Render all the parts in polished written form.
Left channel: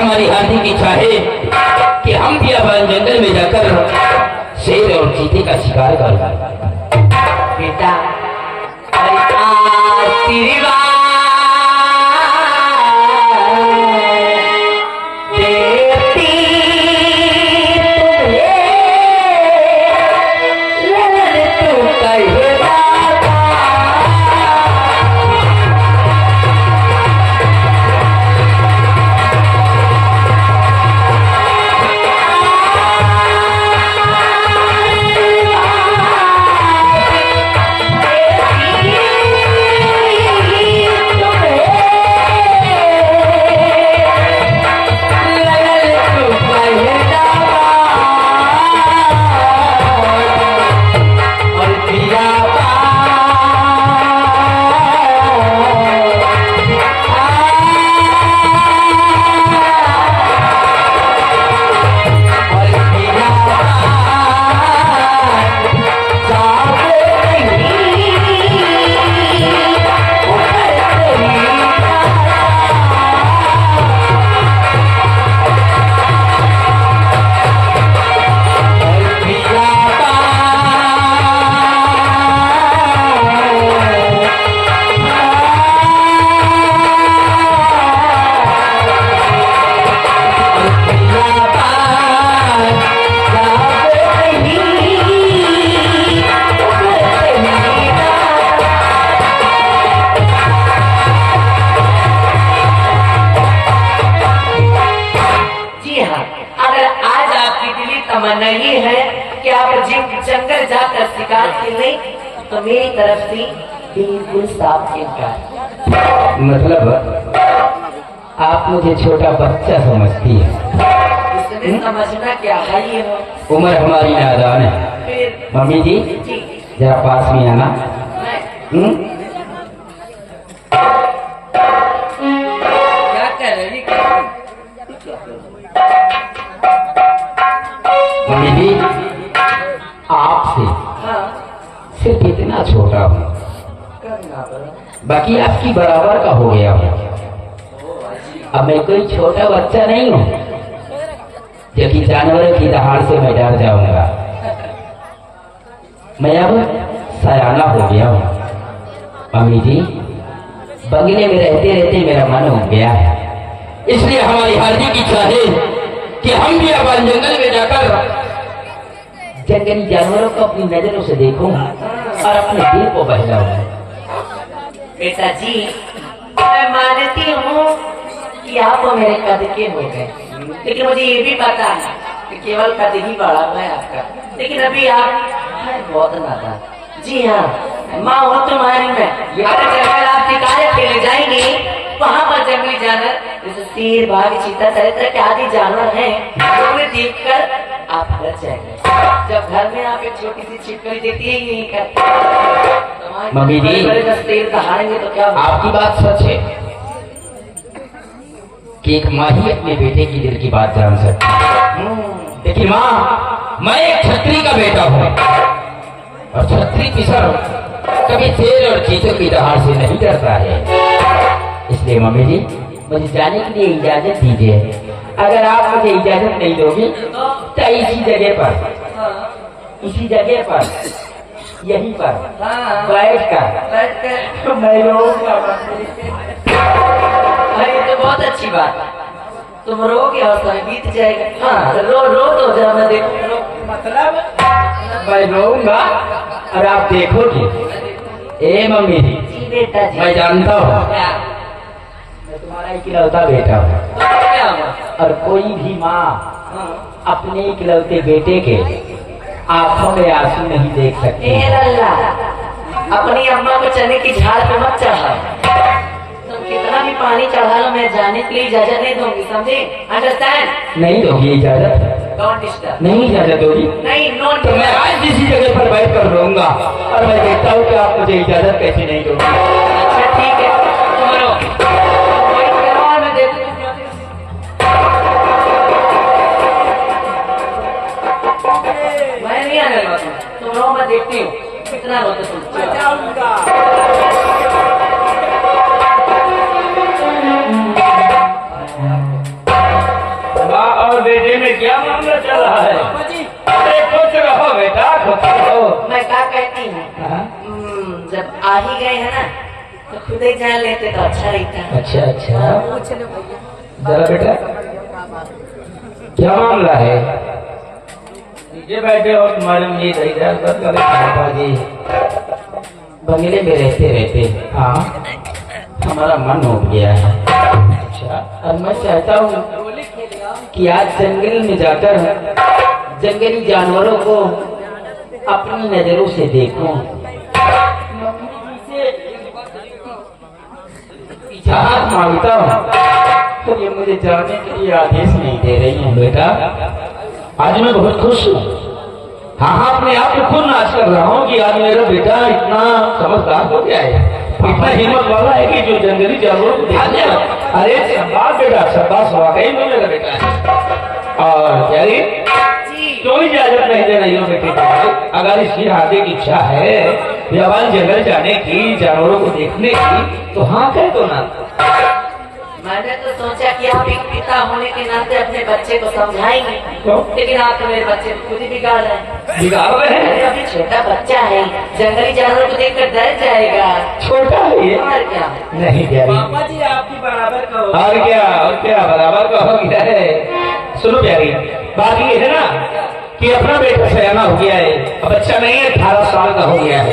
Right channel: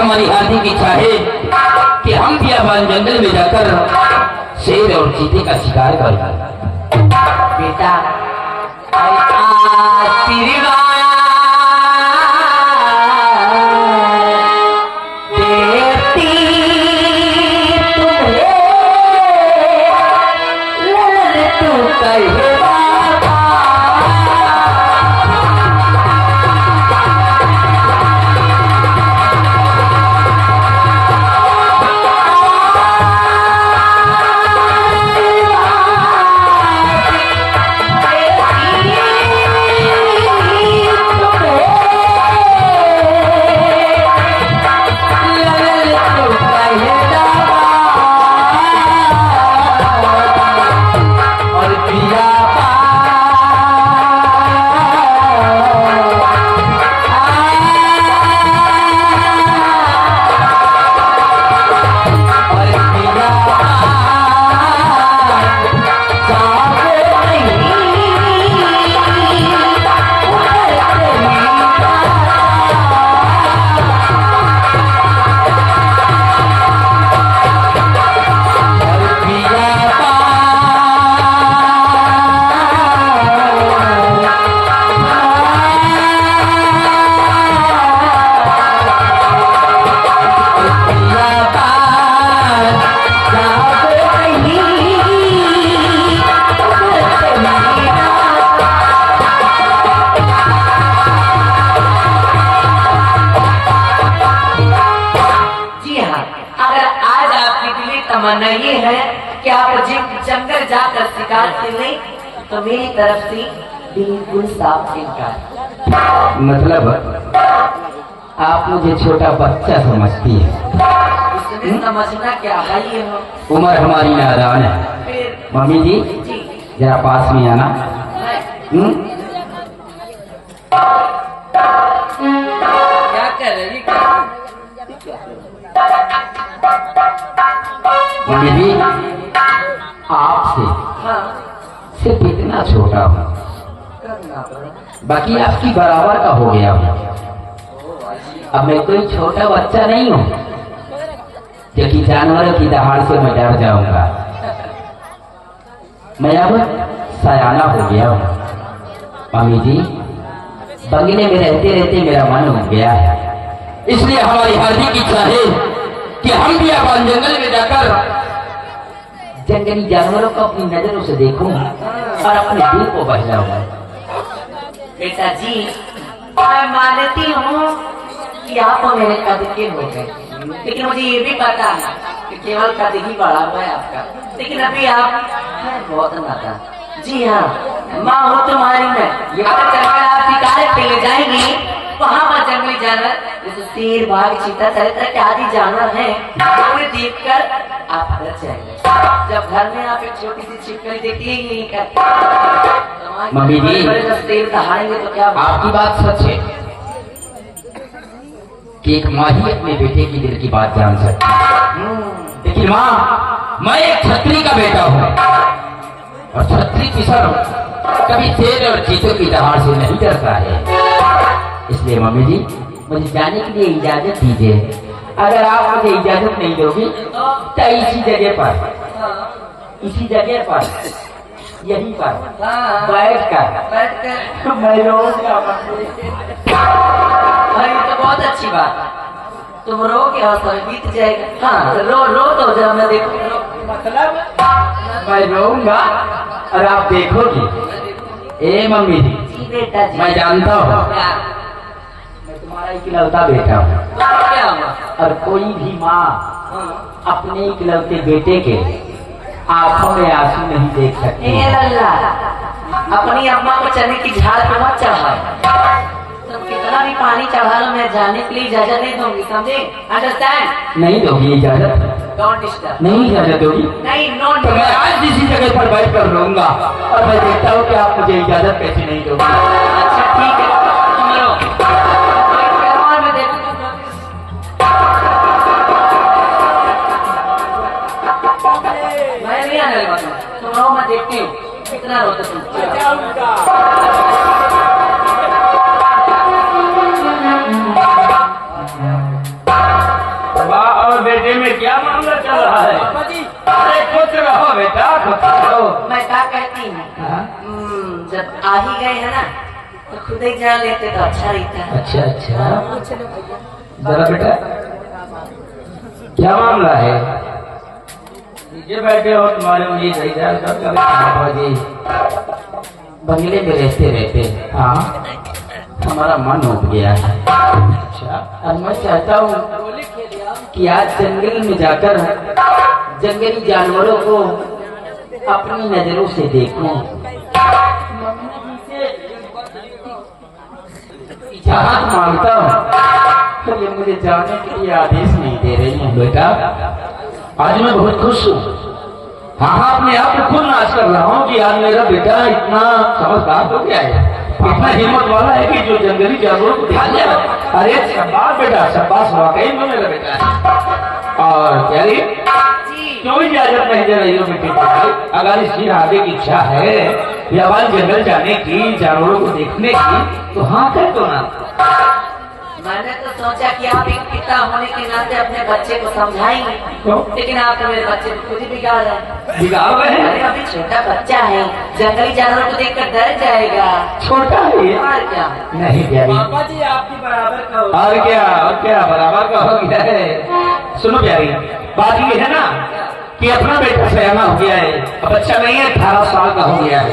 हमारी हार्दिक इच्छा है कि हम भी अब जंगल में जाकर शेर और चीते का शिकार करें। बेटा तमन्ना ये है कि आप जंगल जाकर शिकार करें तो मेरी तरफ से बिल्कुल साफ इनकार। मतलब आप मुझे छोटा बच्चा समझती है? इसमें समझना क्या है, ये उम्र हमारी नादान है। मम्मी जी जरा पास में आना। क्या कर रही? मम्मी जी आपसे सिर्फ इतना छोटा हूँ, बाकी आपकी बराबर का हो गया हूँ। अब मैं कोई छोटा बच्चा नहीं हूँ जो कि जानवरों की दहाड़ से मैं डर जाऊंगा। मैं अब सयाना हो गया हूँ। मम्मी जी बंगले में रहते रहते मेरा मन हो गया है, इसलिए हमारी हार्दिक इच्छा है कि हम भी अब जंगल में जाकर जंगली जानवरों को अपनी नजरों से देखूंगा और अपने दिल को बहलाऊंगा। बेटा जी मैं मानती हूँ कि आप मेरे कद के हो गए, लेकिन मुझे ये भी पता है कि केवल कद ही बढ़ा हुआ है आपका, लेकिन अभी आप बहुत नादान। जी हाँ माँ हूँ तुम्हारी मैं। अगर जंगल आप शिकार पे ले जाएंगे वहाँ पर जंगली जानवर जैसे शेर बाघ चीता तरह के आदि जानवर हैं, उन्हें देखकर आप डर जाएंगे। जब घर में आप एक छोटी सी छिपकली देती है यही करती मम्मी जी शेर दहाड़ेंगे तो क्या? आपकी बात सच है कि एक माँ ही अपने बेटे की दिल की बात जान सकती है, लेकिन माँ मैं एक छत्री का बेटा हूँ और छत्री किसान कभी शेर और चीते की दहाड़ से नहीं डरता है। इसलिए मम्मी जी मुझे जाने के लिए इजाजत दीजिए। अगर आप मुझे इजाजत नहीं दोगी तो इसी जगह पर यहीं पर बैठ कर मैं रोऊंगा। अरे तो बहुत अच्छी बात, तुम रो के हौसला बीत जाएगा। हाँ रो तो जरा मैं देखो। मतलब मैं रोऊंगा और आप देखोगी। ए मम्मी जी बेटा जी मैं जानता हूँ मैं तुम्हारा इकलौता बेटा हूँ क्या हुआ? और कोई भी माँ अपने इकलौते बेटे के आंखों में आंसू नहीं देख सकती। हे अल्लाह, अपनी अम्मा को चने की झाड़ पे मत चढ़ाओ। तुम कितना भी पानी चढ़ा लो, मैं जाने के लिए इजाजत नहीं दूंगी, समझे? अंडरस्टैंड? नहीं दोगी इजाजत? Don't disturb. नहीं इजाजत दोगी? नहीं, नो। तो मैं आज इसी जगह पर बैठ कर रहूंगा और मैं देखता हूँ कि आप मुझे इजाजत कैसे नहीं दोगी। अच्छा ठीक है, तुम लो। और मैं देती हूँ। मैं नहीं आने लगा, तुम रो, मैं देखती हूँ कितना रोते तुम। और बेटे में क्या मामला चल रहा है? अरे खुश रहो बेटा, खुश रहो। मैं क्या कहती हूँ, जब आ ही गए हैं ना तो खुद एक जान लेते तो अच्छा रहता। अच्छा अच्छा, जरा बेटा क्या मामला है? ये बैठे और तुम्हारे लिए बाजी बंगले में रहते रहते हाँ हमारा मन उठ गया है। अच्छा, और मैं चाहता हूँ कि आज जंगल में जाकर जंगली जानवरों को अपनी नजरों से देखूं। इजाजत मांगता हूँ तो ये मुझे जाने के लिए आदेश नहीं दे रही है। बेटा आज मैं बहुत खुश हूँ। हाँ, अपने आप को खुद नाच कर रहा हूँ कि आज मेरा बेटा इतना समझदार हो गया है, इतना हिम्मत वाला है कि जो जंगली जानवरों को ध्यान दे। अरे शाबाश बेटा, शाबाश, वाकई में मेरा बेटा है। और क्या रे, क्यों इजाजत नहीं दे रही हो बेटे को? अगर इसकी आगे की इच्छा है बियाबान जंगल जाने की, जानवरों को देखने की, तो हाँ कह दो ना। मैंने तो सोचा कि आप एक पिता होने के नाते अपने बच्चे को समझाएंगे, लेकिन आप तो मेरे बच्चे को खुद ही बिगाड़ रहे हैं। बिगाड़ रहे हैं? अरे अभी छोटा बच्चा है, जंगली जानवरों को देखकर डर जाएगा। छोटा है ये? और क्या नहीं प्यारी, पापा जी आपकी बराबर का हो। और क्या बराबर का हो गया है। सुनो प्यारी, बात ये है ना कि अपना बेटा सयाना हो गया है, अब बच्चा नहीं है, 18 साल का हो गया है,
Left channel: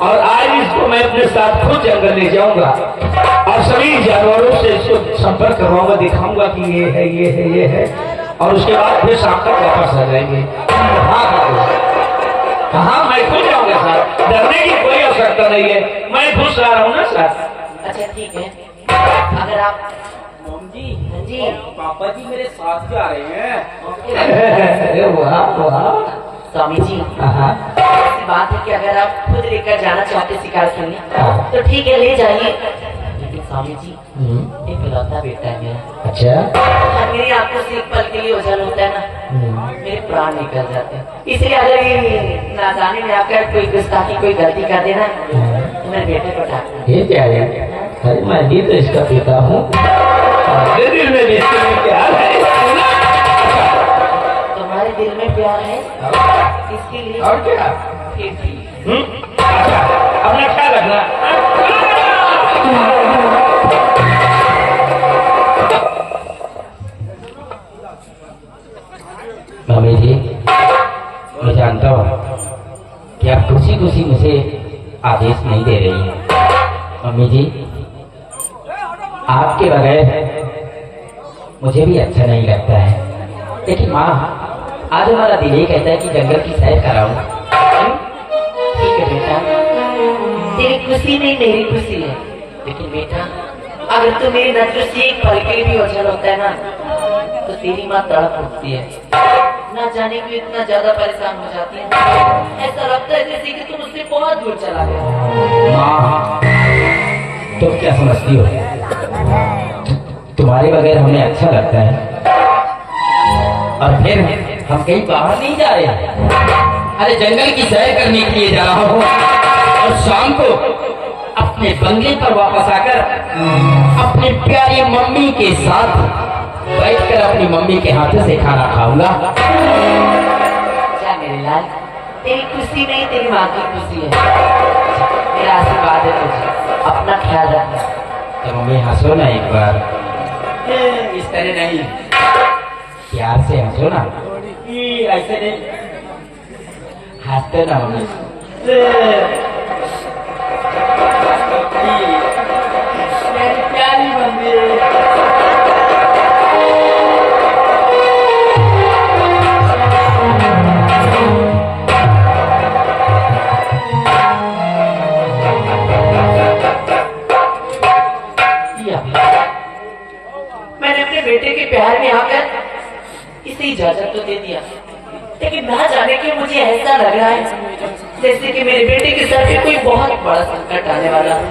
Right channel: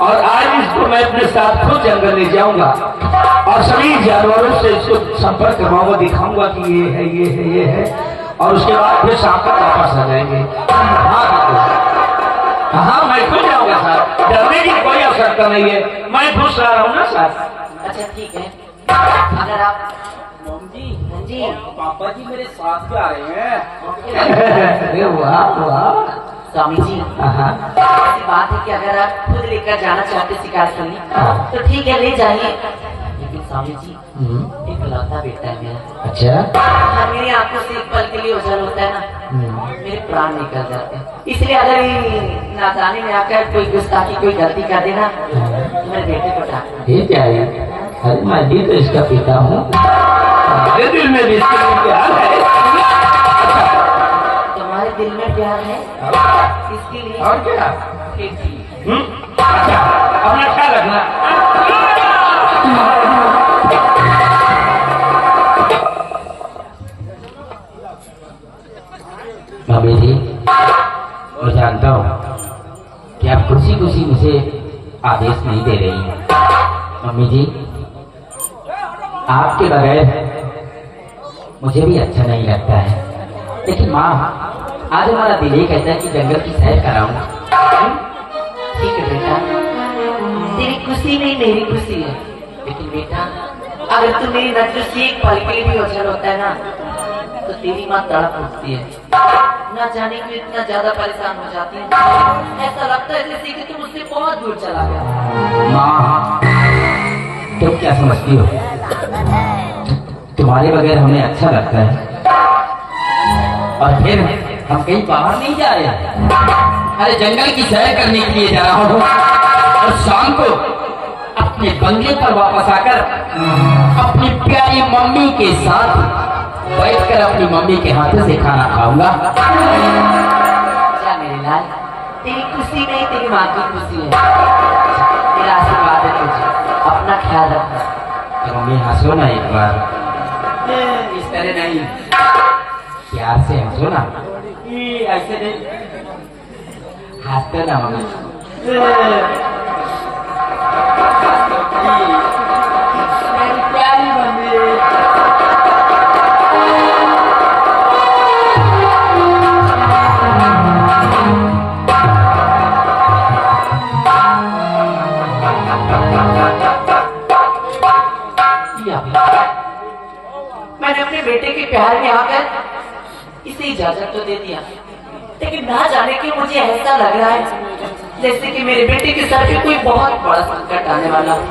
और आज इसको मैं अपने साथ खुद जंगल ले जाऊंगा और सभी जानवरों से इसको संपर्क करवाऊंगा, दिखाऊंगा कि ये है ये है ये है, और उसके बाद फिर शाम तक वापस आ जाएंगे। हाँ, मैं खुद जाऊंगा साथ, डरने की कोई आवश्यकता नहीं है, मैं खुश रह रहा हूँ ना साथ। अच्छा ठीक है, अगर आप मम जी, हाँ जी, पापा जी मेरे साथ जा रहे हैं। अरे वाह वाह, स्वामी जी हाँ, ऐसी बात है कि अगर आप खुद लेकर जाना चाहते शिकार करने तो ठीक है, ले जाइए, लेकिन स्वामी जी एक लौता बेटा है मेरा। अच्छा, हाँ, मेरी आपको से एक पल के लिए ओझल होता है ना, मेरे प्राण निकल जाते हैं। इसलिए अगर ये नादानी में आकर कोई गुस्ताखी कोई गलती कर देना तो मेरे बेटे को डांटना। ये क्या है? अरे मैं भी तो इसका पिता हूँ, दिल में भी इसके लिए प्यार है। तुम्हारे दिल में प्यार है इसके लिए? और क्या? फिर ठीक। अच्छा, अपना ख्याल रखना। मम्मी जी, मैं जानता हूँ कि आप खुशी खुशी मुझे आदेश नहीं दे रही हैं। मम्मी जी, आपके बगैर मुझे भी अच्छा नहीं लगता है, लेकिन माँ आज हमारा दिल ये कहता है कि जंगल की सैर कराऊं। ठीक है बेटा, तेरी खुशी में मेरी खुशी है, लेकिन बेटा अगर तू मेरी नजर से एक पल के लिए भी ओझल होता है ना तो तेरी माँ तड़प उठती है, ना जाने क्यों इतना ज्यादा परेशान हो जाती है। ऐसा लगता है जैसे कि तुम उससे बहुत दूर चला गया। माँ, तुम क्या समझती हो? तुम्हारे बगैर हमें अच्छा लगता है, और फिर हम कहीं बाहर नहीं जा रहे हैं। अरे जंगल की सैर करने के लिए जा रहा हूँ, और शाम को अपने बंगले पर वापस आकर अपनी प्यारी मम्मी के साथ बैठकर अपनी मम्मी के हाथों से खाना खाऊंगा। क्या मेरे लाल, तेरी खुशी नहीं तेरी माँ की खुशी है। मेरा आशीर्वाद है तुझे, अपना ख्याल रखना। तो मम्मी हंसो ना एक बार, इस तरह नहीं, प्यार से हंसो ना। ऐसे नहीं, हंसते ना मम्मी। मेरी प्यारी मम्मी। जाने क्यों मुझे ऐसा लग रहा है जैसे कि मेरे बेटे के सर पे कोई बहुत बड़ा संकट आने वाला है।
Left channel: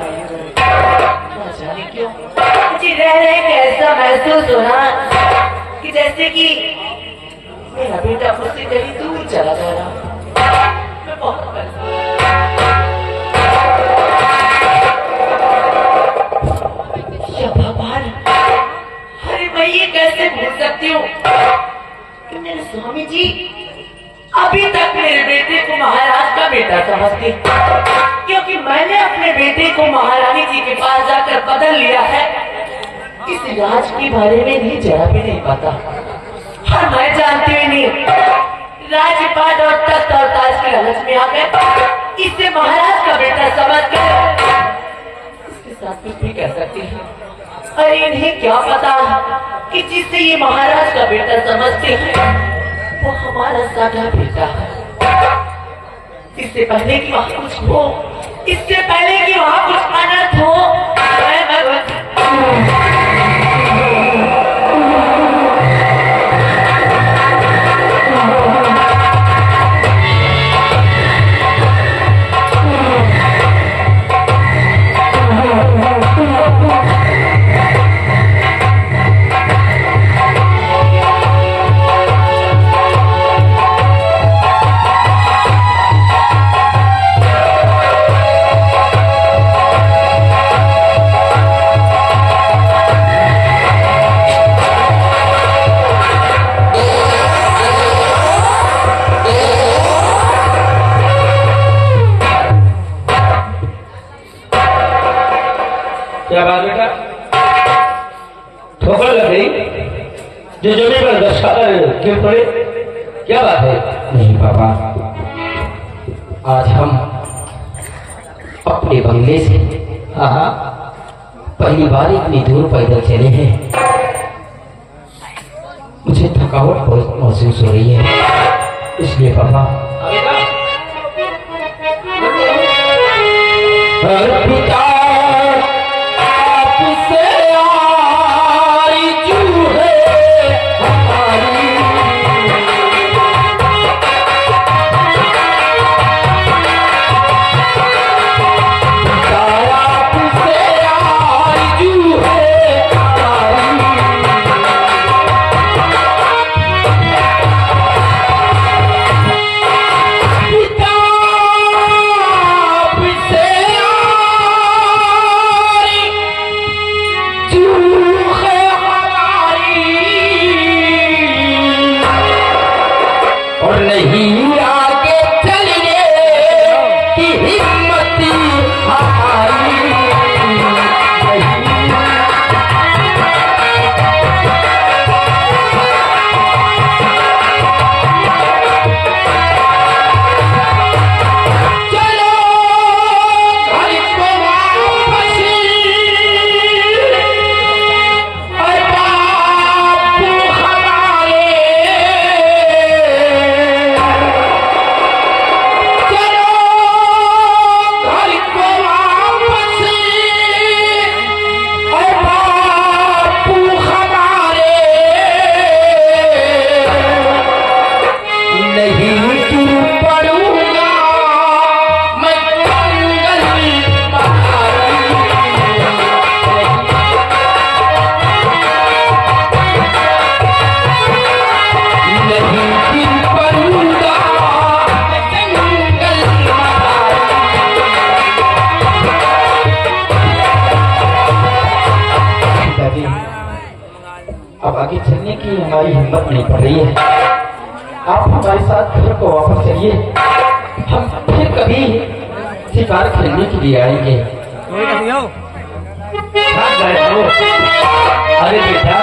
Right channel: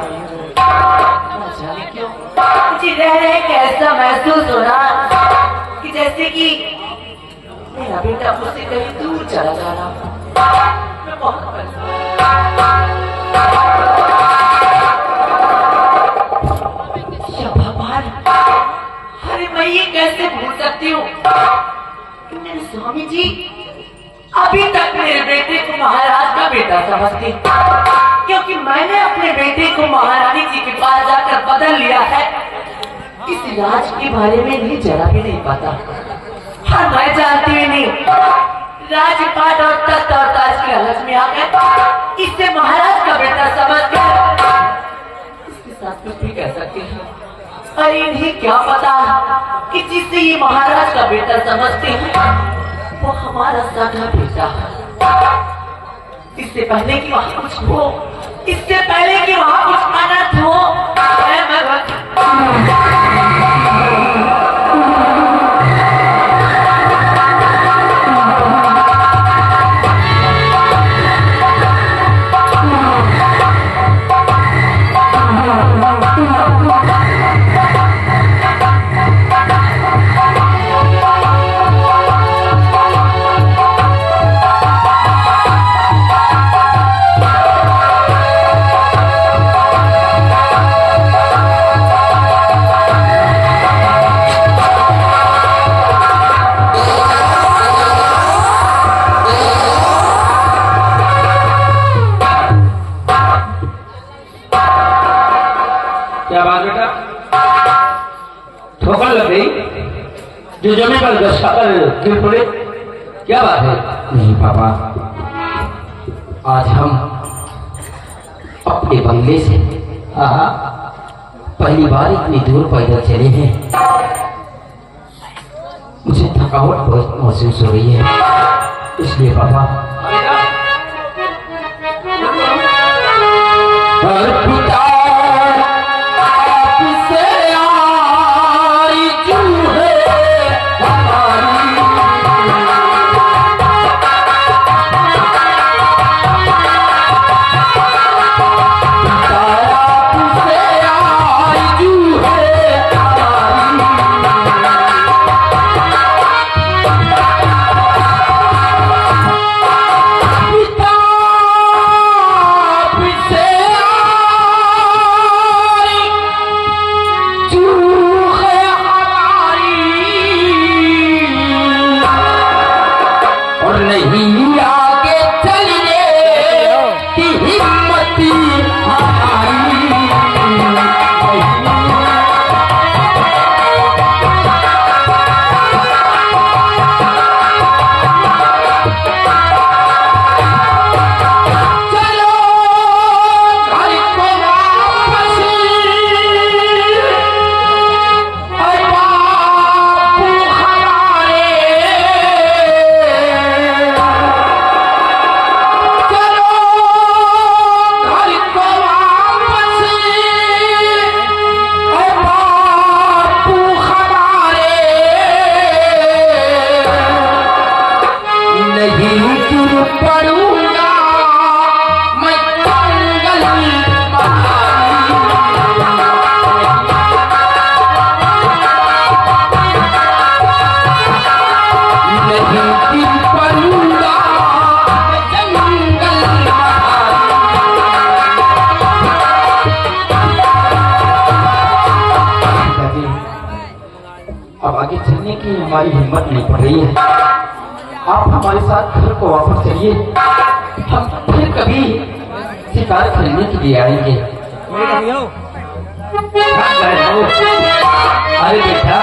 न जाने क्यों मुझे रह रहे कि ऐसा महसूस हो रहा है कि जैसे कि मेरा बेटा मुझसे कहीं दूर चला जा रहा है। मैं बहुत परेशान। या भगवान, अरे मैं ये कैसे भूल सकती हूँ कि मेरे स्वामी जी अभी तक मेरे बेटे को महाराज का बेटा समझते, क्योंकि मैंने अपने बेटे को महारानी जी के पास जाकर बदल लिया है। इस राज के बारे में भी जरा भी नहीं पता, और मैं जानती भी नहीं राजपाट और तख्त और ताज की लालच में आ गए इसे महाराज का बेटा समझ कर इसके साथ कुछ भी कह सकती है। अरे इन्हें क्या पता कि जिससे ये महाराज का बेटा समझते हैं वो हमारा साधा बेटा है। इससे पहले कि वहां कुछ हो, इससे पहले कि वहां कुछ अनर्थ हो, क्या बात बेटा, ठोकर लग गई जो जमीन पर दर्शाकर गिर पड़े, क्या बात है? नहीं पापा, आज हम अपने बंगले से पहली बार इतनी दूर पैदल चले हैं। मुझे थकावट बहुत महसूस हो रही है, इसलिए पापा हमारी हिम्मत नहीं पड़ रही है। आप हमारे साथ घर को वापस चलिए, हम फिर कभी शिकार खेलने के लिए आएंगे। अरे बेटा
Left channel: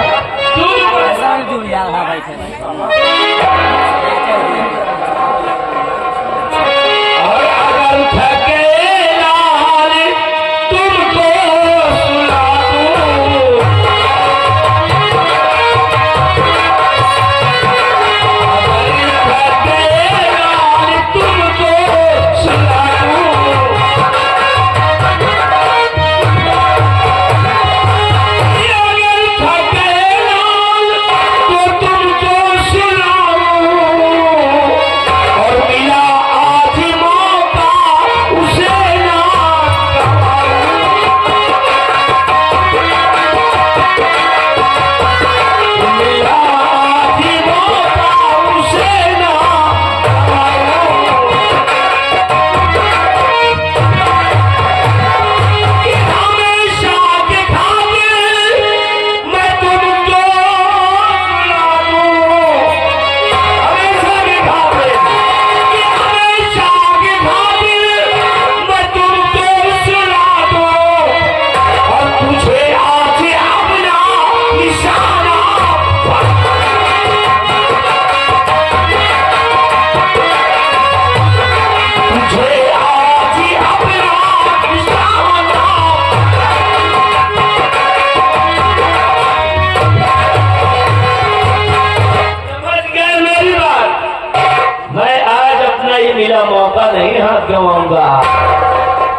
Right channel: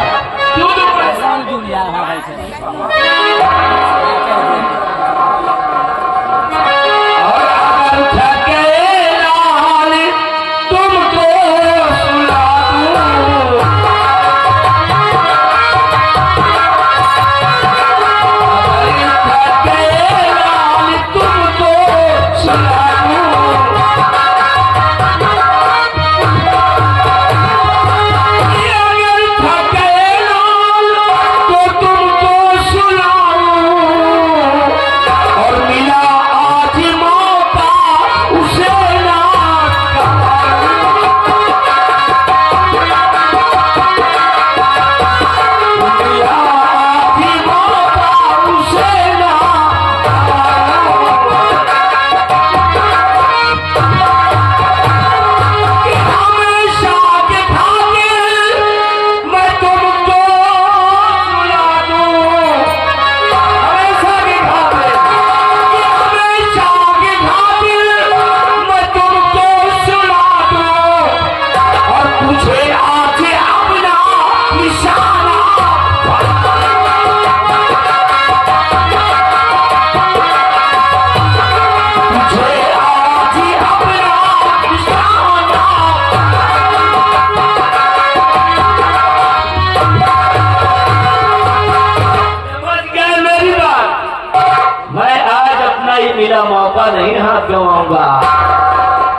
नहीं मिला मौका नहीं हाथ गवाऊंगा।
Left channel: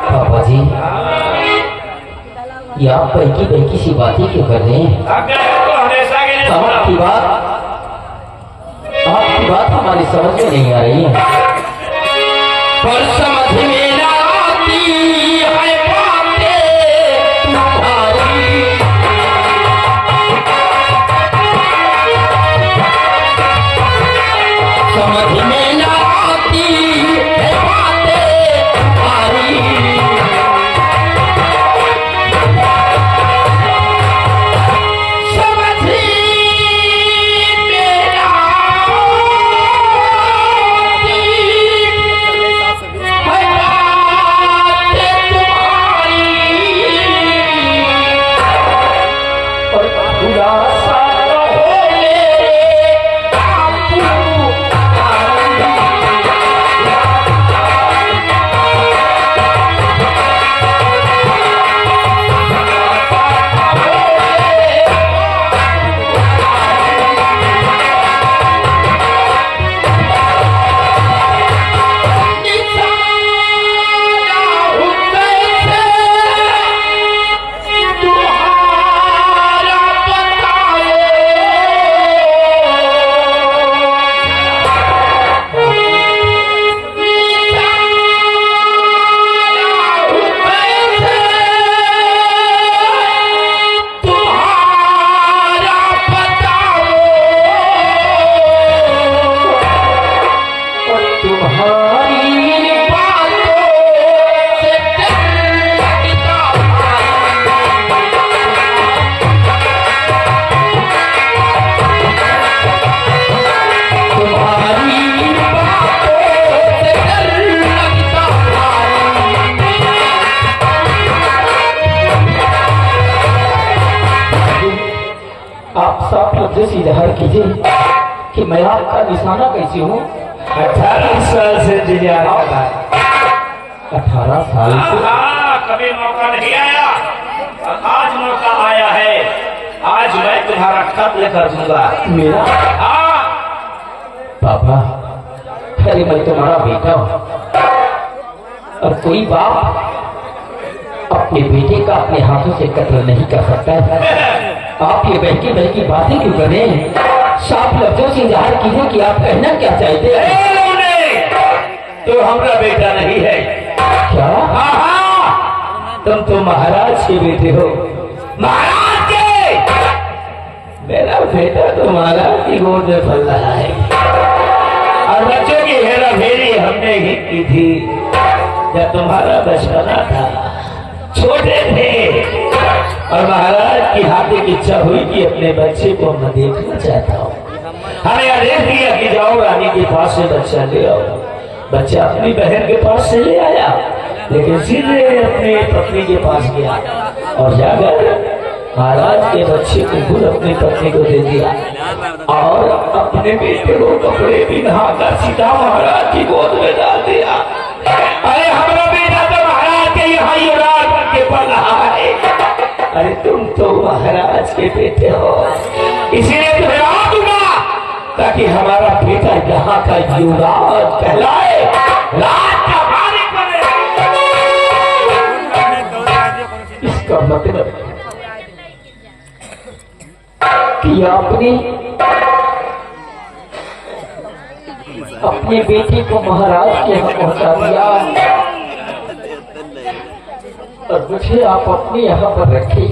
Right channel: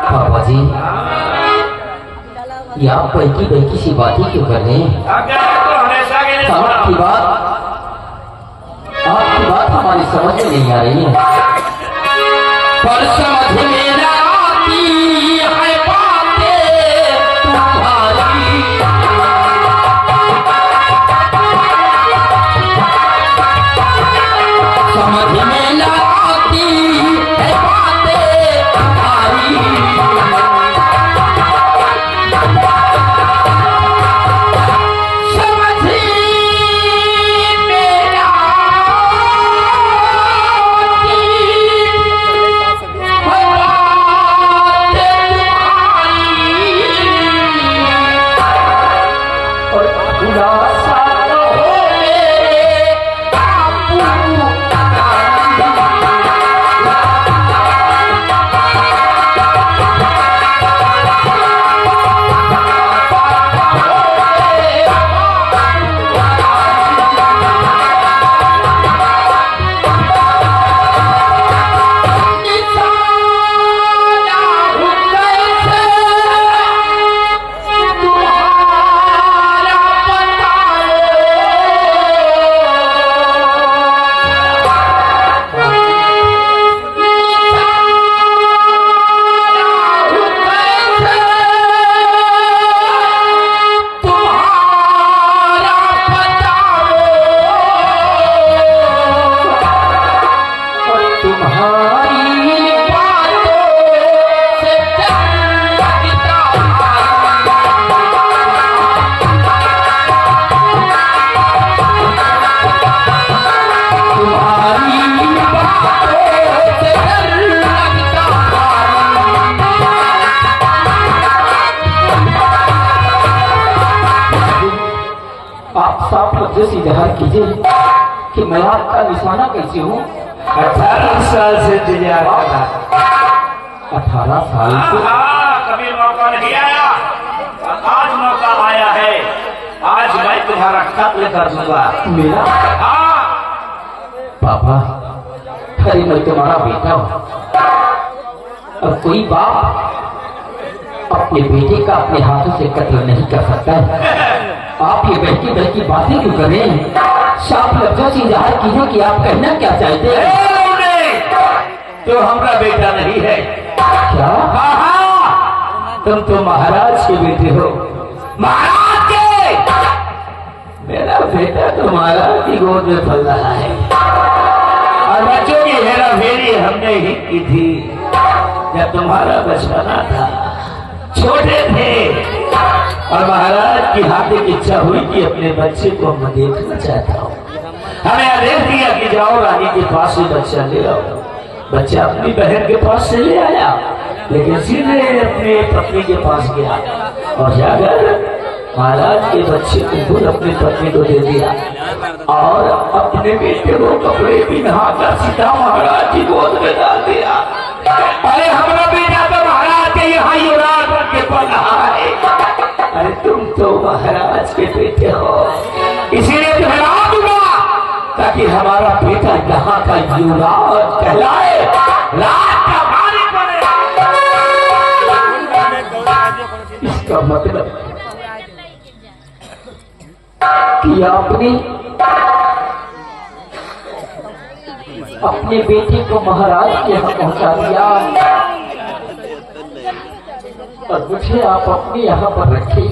पापा जी, ये आप बैकी बैकी सी बातें क्यों कर रहे हैं? तो हमेशा के लिए आपकी बात हमारी समझ में नहीं आ रही है। पर समझ में न आती है बातें तुम्हारी। समझ में न आती है बातें तुम्हारी। आप साफ लफ्जों से इजहार कीजिए कि मैं आपका निशाना कैसे हूँ। 18 साल से इंतजार करता। 18 साल से कभी मौका नहीं आया और आज मौका आया है। आज मैं तुम्हारा खत लेकर दूंगा। मेरा हाँ, पापा, अरे मैं तुम्हारा बेटा हूँ और कोई बाप अपने बेटे का अपने हाथों से कत्ल नहीं कर सकता है। आप ये बहकी बहकी बातें क्यों कर रहे हैं? साफ लफ्जों से इजहार कीजिए कि आप कहना क्या चाहते हैं। तो हमारा बेटा नहीं है। क्या? हाँ हाँ, तुम तो महाराज के बेटे हो। महाराज के। मेरा बेटा तो महाराज की गोद में पल रहा है और बच्चों की हेरा फेरी हमने ही की थी जब तुम्हारा बचपना था, छोटे थे और महाराज की हार्दिक इच्छा हुई कि अपने बच्चे को मैं देखना चाहता हूँ। हमें आदेश दिया कि जाओ रानी के पास से बच्चा ले आओ। बच्चा अपनी बहन के पास से ले आया, लेकिन सीधे अपनी पत्नी के पास गया और जाकर महाराज के बच्चे को खुद अपनी पत्नी को दे दिया और अपने बेटे को कपड़े भी नहाकर सीधा महाराज की गोद में डाल दिया। अरे हमारा बेटा तो महाराज के यहाँ युवराज बन के पड़ रहा है। अरे तुम तो महाराज के बेटे हो, इसीलिए तुम्हें राज दूंगा ताकि हमारा बेटा यहाँ का युवराज कहलाए, राज का मालिक बने। इसका मतलब कि आपने अपने बेटे को महाराज के यहाँ पहुंचा दिया और मुझे आप अपने यहाँ पर रखे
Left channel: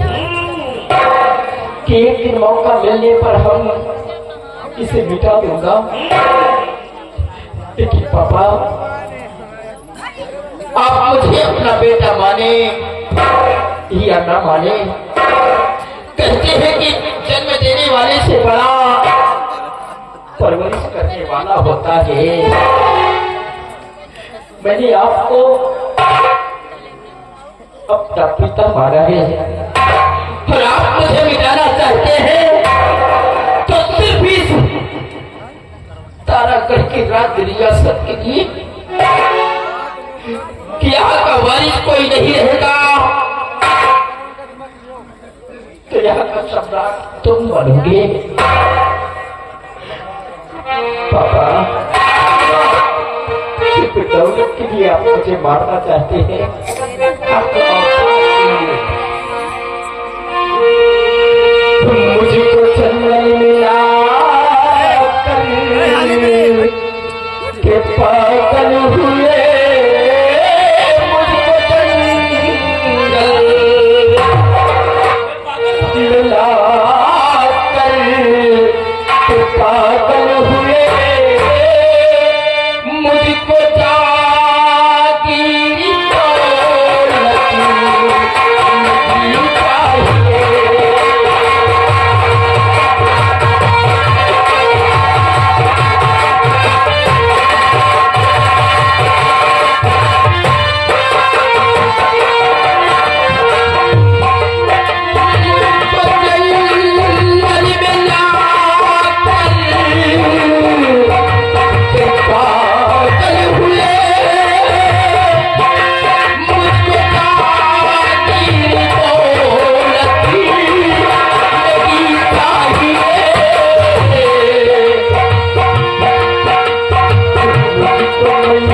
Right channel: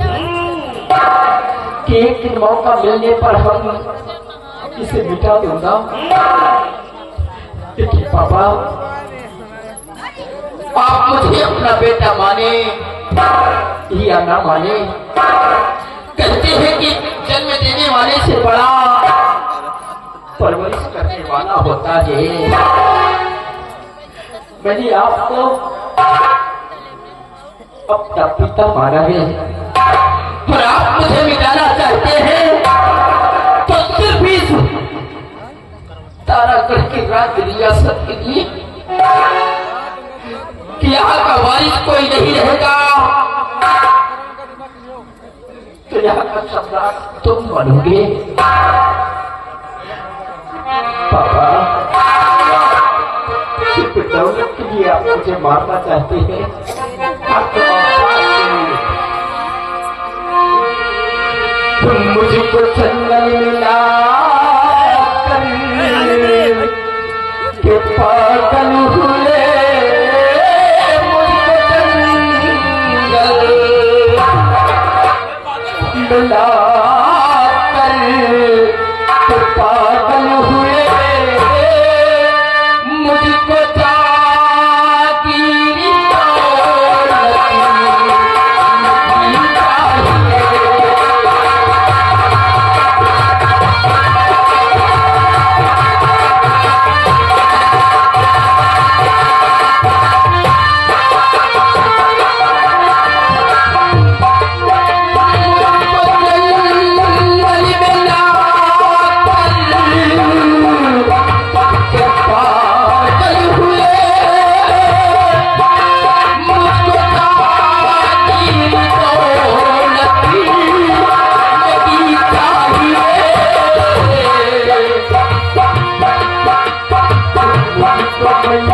कि एक दिन मौका मिलने पर हम इसे मिटा दूंगा। लेकिन पापा, आप मुझे अपना बेटा माने या ना माने, कहते हैं कि जन्म देने वाले से बड़ा परवरिश करने वाला होता है। मैंने आपको अपना पिता माना है और आप मुझे मिटाना चाहते हैं तो सिर्फ इस तारागढ़ के राज रियासत के लिए कि यहाँ का वारिस कोई नहीं रहेगा तो यहाँ का सरदार तुम बनोगे। पापा, दौलत के लिए आप मुझे मारना चाहते हैं। आपके पास मुझको जंगल मिला के पागल हुए, मुझको जंगल मिला के पागल हुए, मुझको जागीर दौलत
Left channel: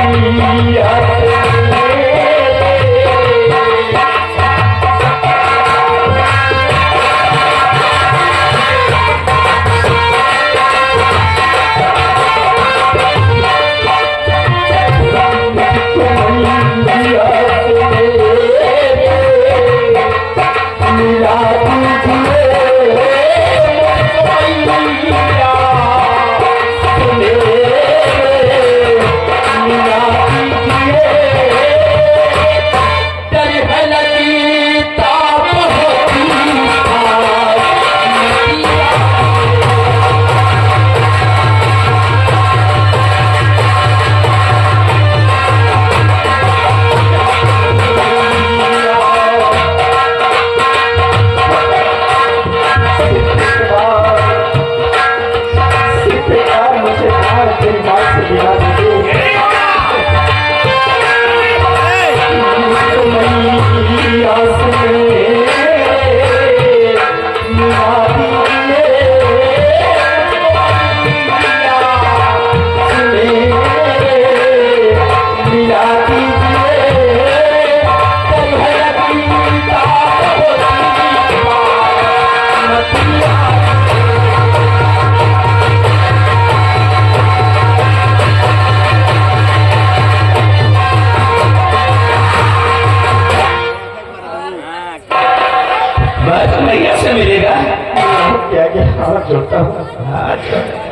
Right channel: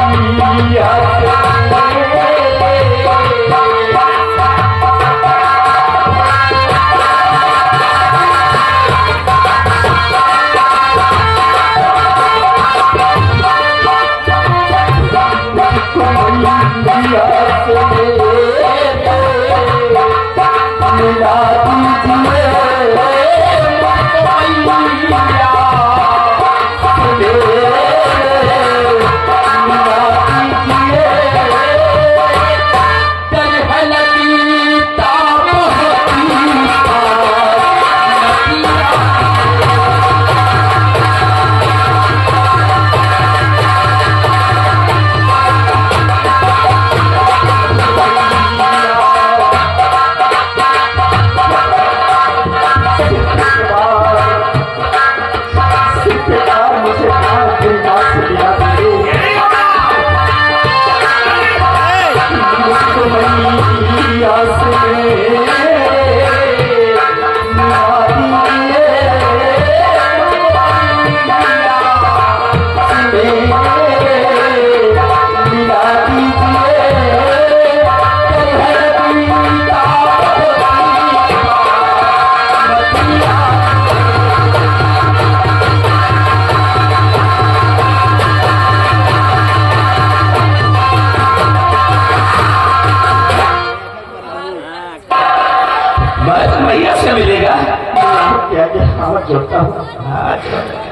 नहीं चाहिए।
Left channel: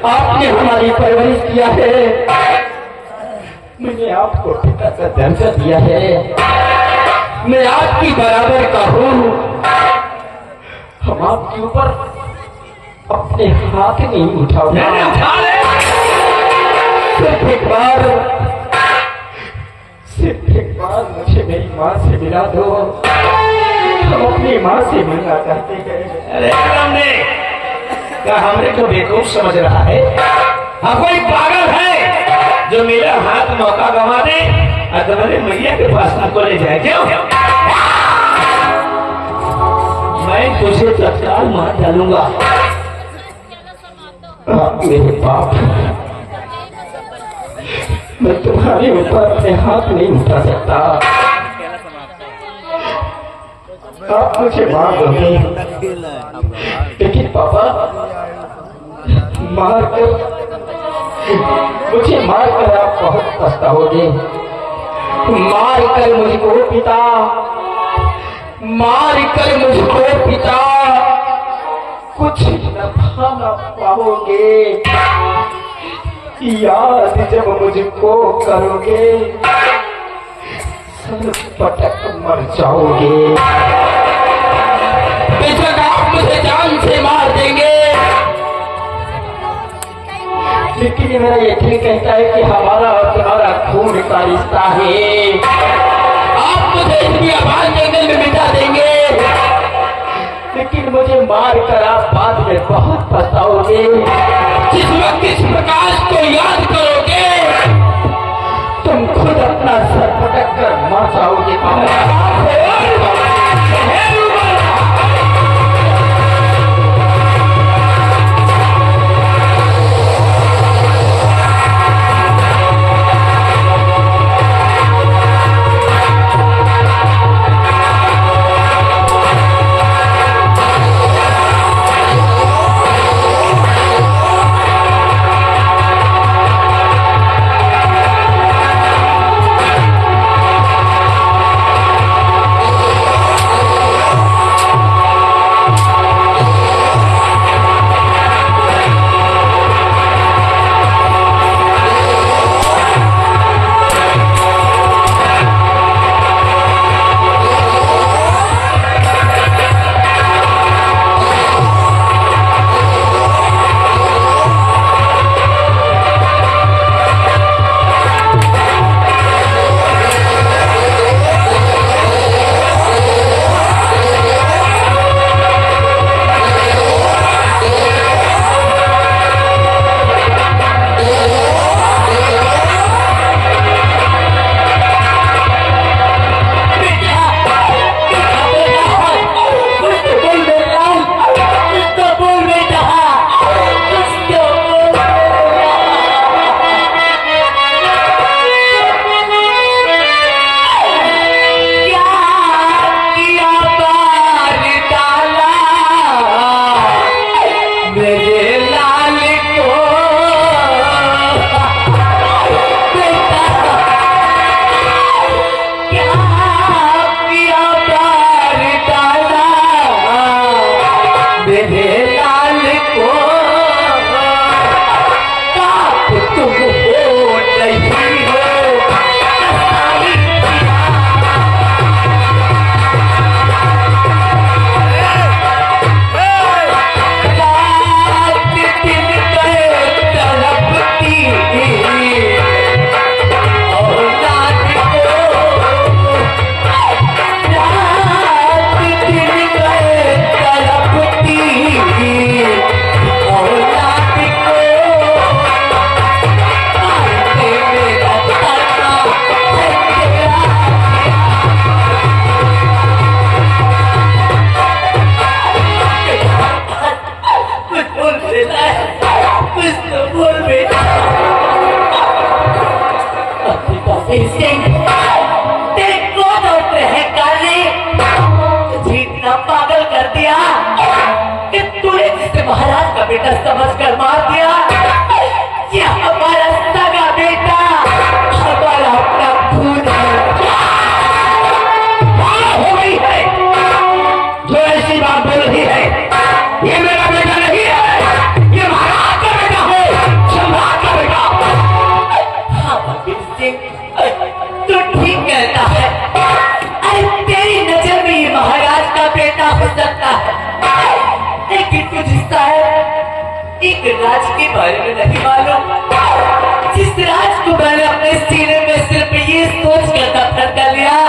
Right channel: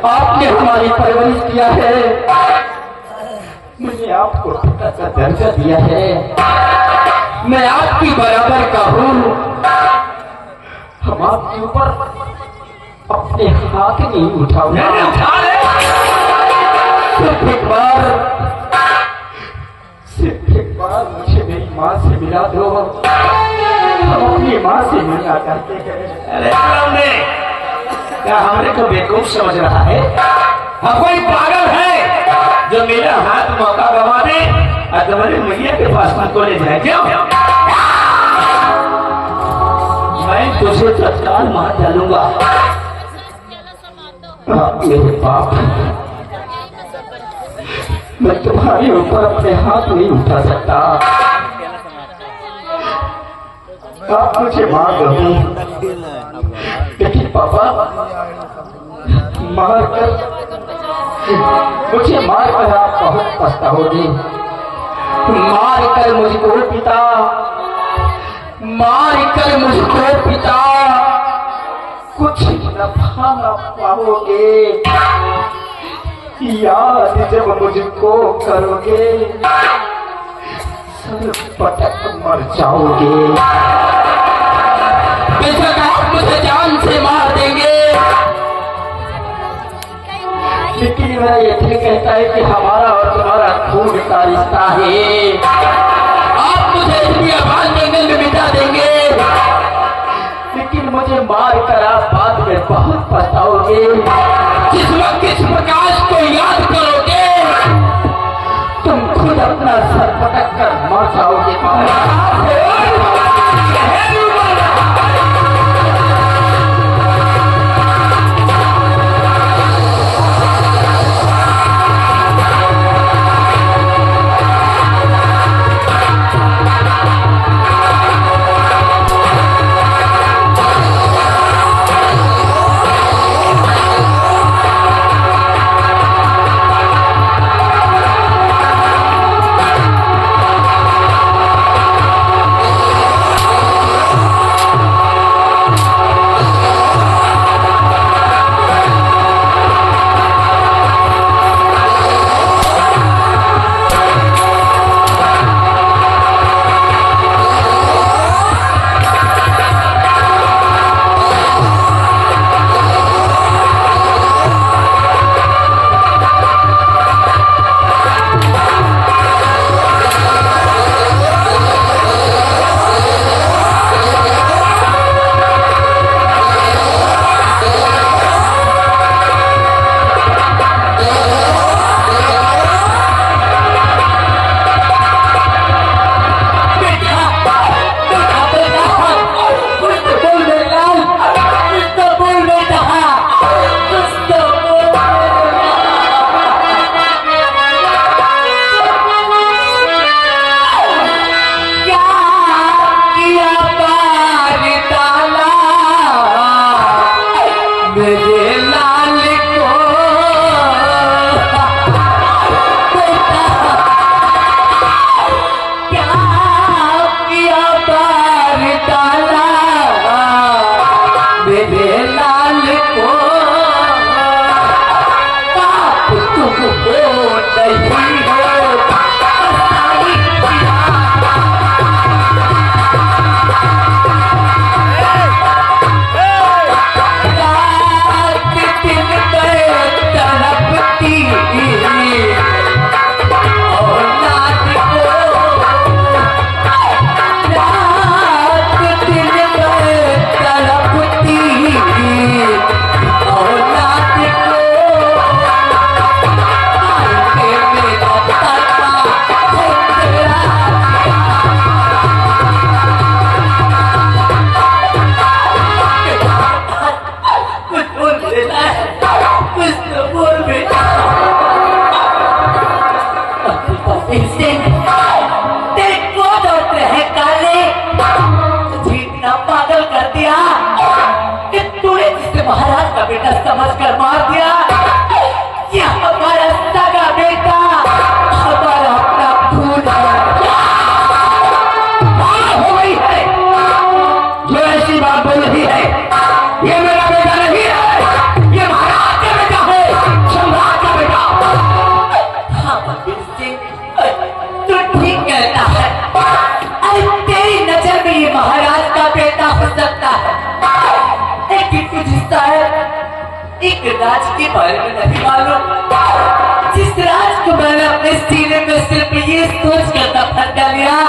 आपने हमारी परवरिश किया है, मुझे आपको पिता का दर्जा दिया है, मैं आपकी बराबर का हूँ। हम आपके ऊपर अपने हाथ नहीं उठाओगे, सिर्फ एक बार मुझे मेरी माँ से मिला दो। हम अपनी माँ से मिलना चाहते हैं। अरे क्या हमने को बेवकूफ समझ रहा है? हम कोई पागल है जो मेरा हाथ मौका गवा दे और तुम्हारे मैया के पास मुझको ले जाए? क्यों? मैं तुझे जब काल मार डालूंगा, आप ये पाप, मैं तुम्हारे ऊपर अपने हाथ नहीं उठा सकता। आप मुझे मार दोगे, लेकिन पापा मुझे मारकर आप बहुत पछताओगे। मारकर मुझको पिता, मारकर मुझको पिता कुछ नफा न पाओगे। याद जब मुझको करोगे, सर पटक मर जाओगे। बेशक आप मुझे जान से मार देंगे, लेकिन मेरा ये दिल कहता है कि हमारा और तुम्हारा खून का रिश्ता है। आप मुझे इतनी आवाज जंगल में मिटा देंगे, लेकिन मुझे मार कर आप बाद में बहुत पछताओगे। जिस वक्त इस प्रकाश को याद करोगे, तुम खुद अपना सर पटक कर मर जाओगे। तेरे को डॉक्टर है काले तुझे इतना पागल कर दिया कि तूने जिसे महाराज का बेटा समझ कर मार दिया। ये हमारा सगा बेटा, हमारा अपना खून है। हो गई है जो ऐसी बात बोल रही है, ये मेरा बेटा नहीं है, ये महाराज का बेटा है, सम्राट का बेटा। हाँ बलबीर सिंह, तू ठीक कहता है। अरे तेरी नजर में ये महाराज का बेटा हो सकता है, लेकिन तुझे शायद एक राज के बारे में नहीं मालूम, जिस राज को मैंने अपने सीने में सिर्फ ये सोच कर दफन कर लिया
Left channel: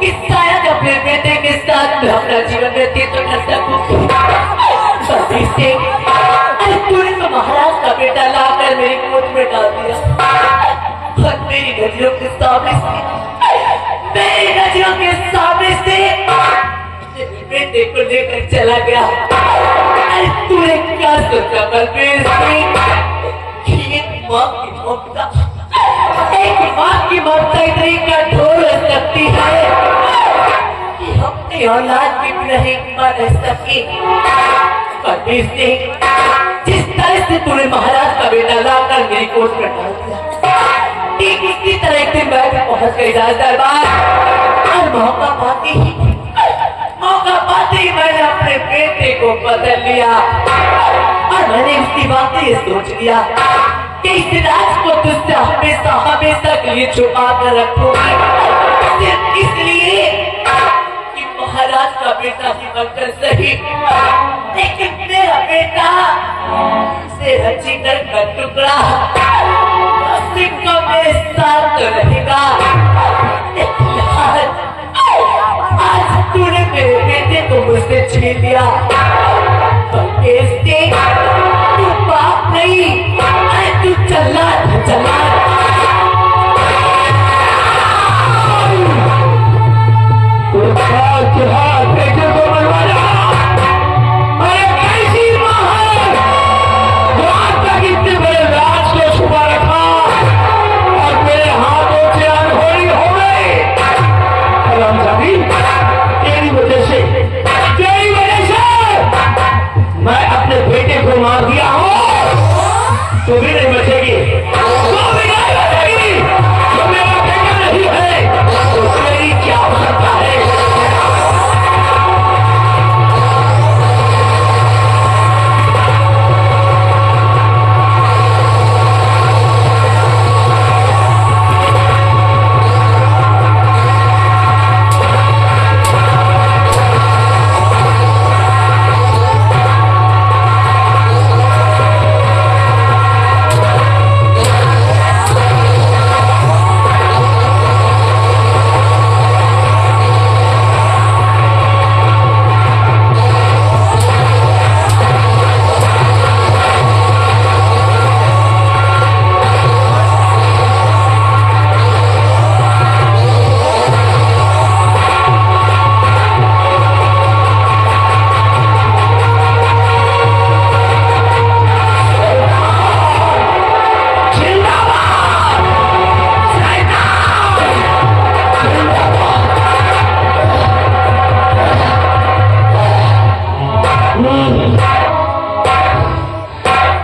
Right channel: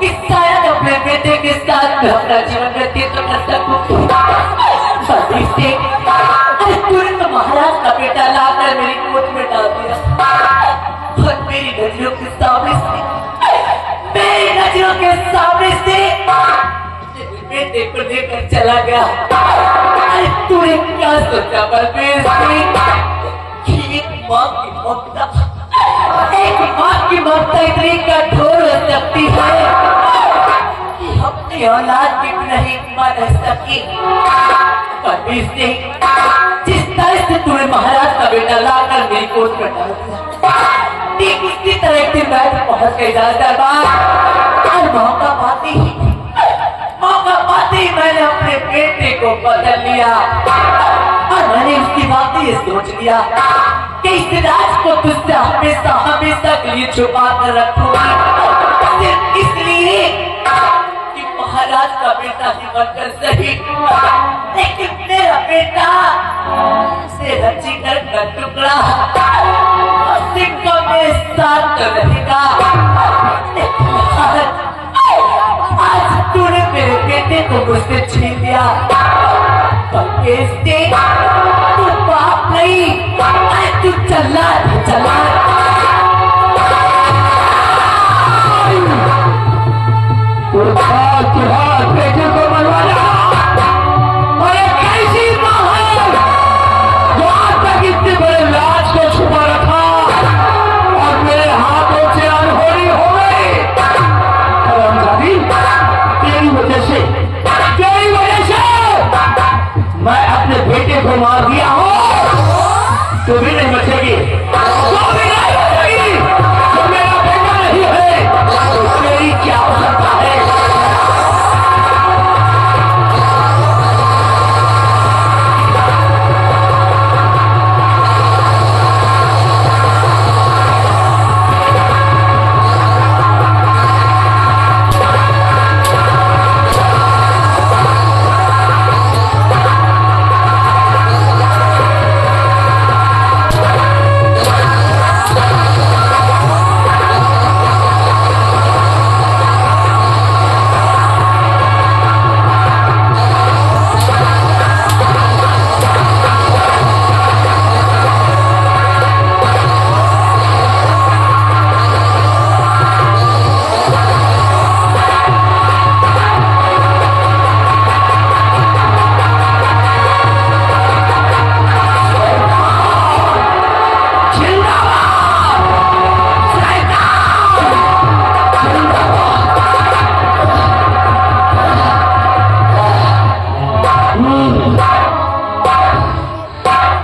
कि शायद अपने बेटे के साथ मैं अपना जीवन व्यतीत कर सकूं। बलबीर सिंह, अरे तूने तो महाराज का बेटा लाकर मेरी कोट में डाल दिया और मेरी नजरों के सामने से बेटे को लेकर चला गया। अरे तूने क्या सोचा बलबीर सिंह कि एक माँ की ममता इतनी कठोर हो सकती है कि अपनी औलाद की भी नहीं बन सकी। बलबीर सिंह, जिस तरह से तूने महाराज का बेटा लाकर मेरी कोट में डाल दिया, ठीक इसी तरह एक दिन मैं भी पहुंच गई दरबार और मौका पाते ही मैंने अपने बेटे को बदल लिया और मैंने इसकी बात ये सोच लिया कि इस राज को तुझसे हमेशा हमेशा के लिए छुपा कर रखूंगी, सिर्फ इसलिए कि महाराज का बेटा ही बनकर सही, लेकिन मेरा बेटा तेरा जिगर का टुकड़ा सिक्का मेरे साथ तो रहेगा। आज तूने मेरे बेटे को मुझसे छीन लिया, बलबीर सिंह तू बाप नहीं, अरे तू जल्लाद है, जल्लाद। बेटे को बनवाना, अरे कैसी माँ है जो आज तक इतने बड़े राज को छुपा रखा और मेरे हाथों से अनहोनी हो गई। तेरी वजह से मैं अपने बेटे को मार दिया हूँ, तो भी नहीं बचेगी, तो भी नहीं बचेगी। तो मेरा बेटा नहीं है तो तेरी क्या हो सकता है।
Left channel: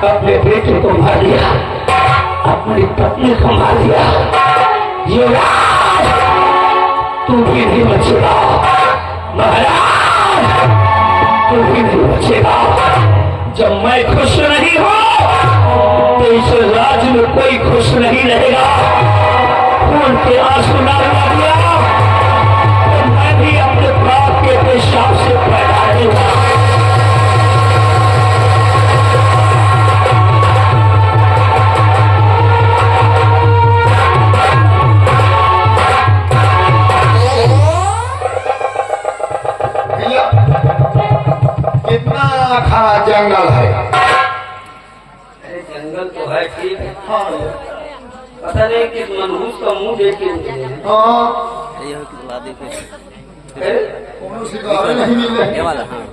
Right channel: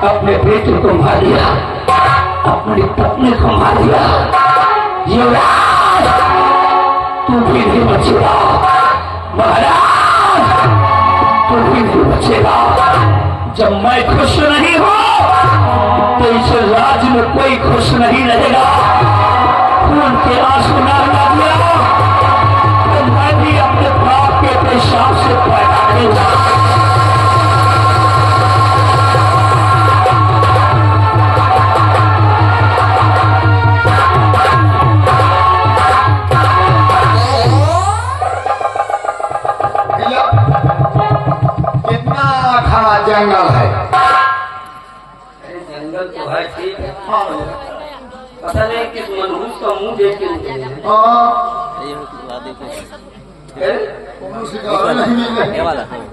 अपने बेटे को मार दिया, अपनी पत्नी को मार दिया, युवराज तू भी नहीं बचेगा, महाराज तू भी नहीं बचेगा। जब मैं खुश नहीं हूं तो इस राज्य में कोई खुश नहीं रहेगा। खून के आंसू डालना दिया तो मैं भी अपने बाप के पेशाब से पैदा दूंगा। कितना खा जंगल है? जंगल तो है ठीक है, पता नहीं किस मनहूस का मुंह देखे हाँ, कौन सी गाड़ी नहीं मिले? ये वाला हाँ।